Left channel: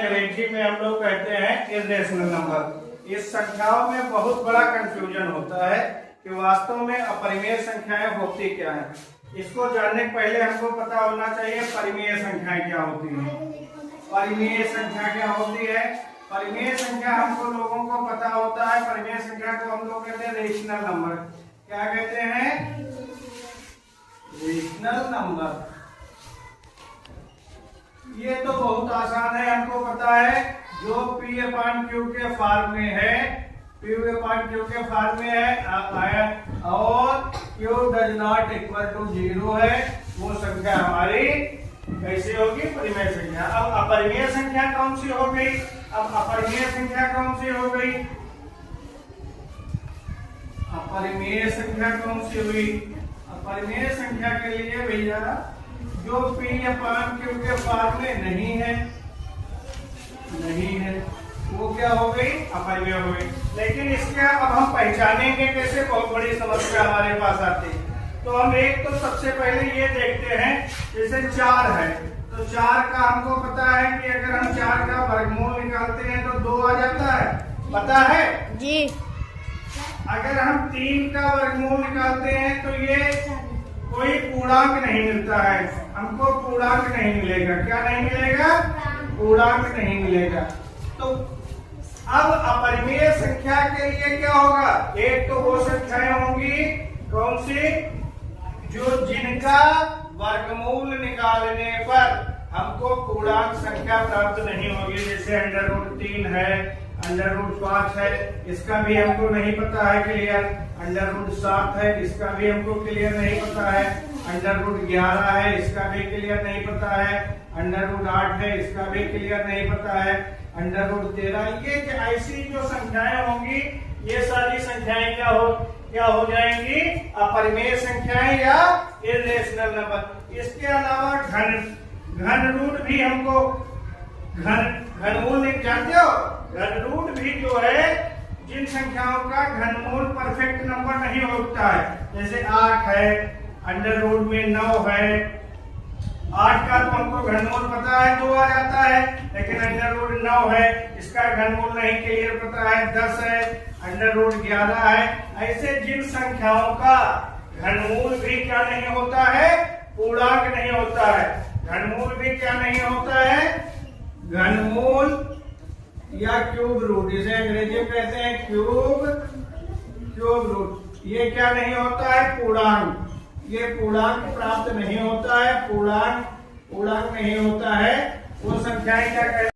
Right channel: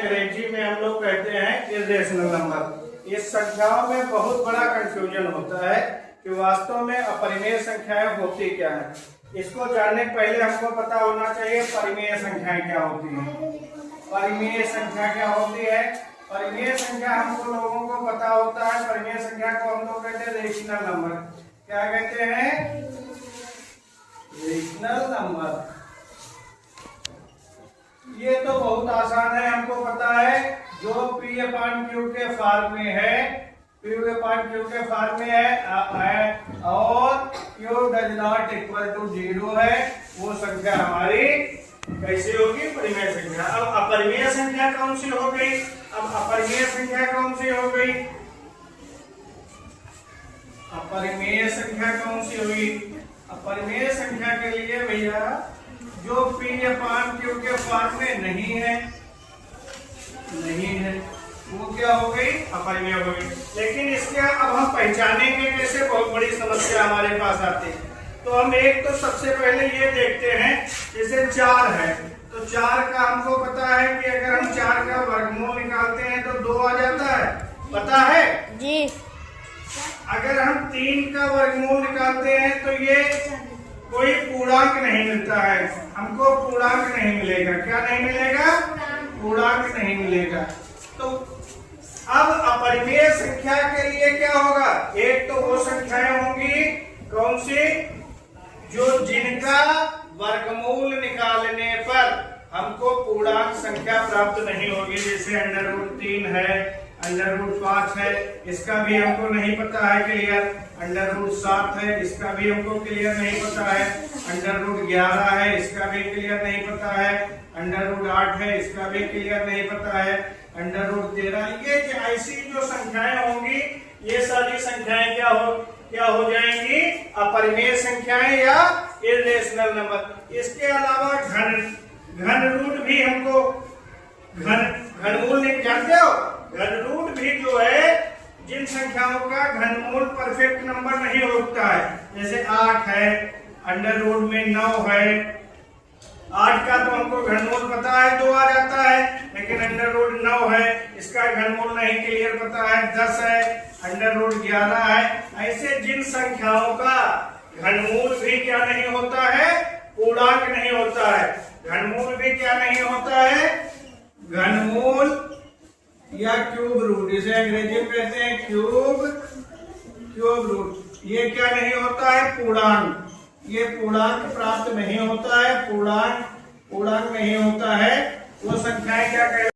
अंग्रेजी में हम लोग कहते हैं इर्रेशनल नंबर। इस संख्याओं में बहुत बड़ा कंफ्यूजन होता है कि वास्तव में अपरिमेय संख्याएं होती क्या हैं। इसको जानने के पहले हमको पता होना चाहिए परिमेय संख्याएं क्या होती हैं। परिमेय संख्या क्या होती है? परिमेय संख्या हमको लोगों को पता होता है। परिमेय संख्या को हम लोग कहते हैं रेशनल नंबर। क्या कहते हैं? Rational number. ये तो बहुत आसान है, हमको पता है। जो P/Q के फॉर्म में है, P/Q के फॉर्म में है और Q does not equal to 0 है, वो संख्या हमारी कैसे होगी? परिमेय संख्या। अब अपरिमेय संख्या कौन सी हो गई? अब अपरिमेय संख्या कौन सी हो गई? अपरिमेय संख्या कौन सी हुई? अपरिमेय संख्या के लिए भैया जो P/Q के फॉर्म में नहीं है, वो क्या हो गई? अपरिमेय हो गई। लेकिन इसके अब हम पहचानेंगे कैसे? बहुत बड़ी समस्या हमारे पास आती है। तो हम एक तो सबसे पहले ये देखते हैं, जैसे 4 है तो 4 का हमको पता है कि अगर हम 4 का वर्गमूल निकालते हैं तो 2 आ जाता है, पता है जी। अगर हम 3 का वर्गमूल निकालते हैं तो ये कोई पूर्णांक नहीं मिलता है, हमको पूर्णांक नहीं मिलेगा। क्या नहीं मिलेगा? पूर्णांक नहीं मिलेगा। तो अब अपरिमेय संख्या के लिए क्या होगा? एक तो वो संख्याएं होंगी कौन सी? जो जिनका वर्गमूल निकालने पर हमको पूर्णांक संख्या प्राप्त नहीं होगी। जैसे √3 है, √5 है, इसका भी हमको नहीं पता है क्लियर। √7 है, इसका भी हमको क्लियर नहीं पता है। √11 है, इसका भी क्लियर नहीं पता है। √8 है, इसका भी क्लियर नहीं पता है। √13, ये ऐसी जो संख्याएं होंगी, ये सारी संख्याएं क्या हो जाएंगी? अपरिमेय संख्याएं या इर्रेशनल नंबर। इसके अलावा घन रूट भी हमको घनमूल नहीं जानते हो? घन रूट भी जो है, जिन संख्याओं का घनमूल परफेक्ट नंबर नहीं होता है, जैसे 8 है, √9 है। 8 का तो हमको घनमूल पता है, 2 आ जाता है, लेकिन √9 है, इसका घनमूल नहीं क्लियर पता है। 10 है, √11 है। ऐसे जिन संख्याओं का घनमूल भी क्या नहीं होता है? पूर्णांक नहीं होता है। घनमूल भी क्या नहीं होता है? घनमूल या क्यूब रूट, इसे अंग्रेजी में कहते हैं क्यूब रूट। ये क्या नहीं होता है? पूर्णांक। ये पूर्णांक प्राप्त नहीं होता है। पूर्णांक नहीं होता है। वो संख्याएं क्या कहते हैं?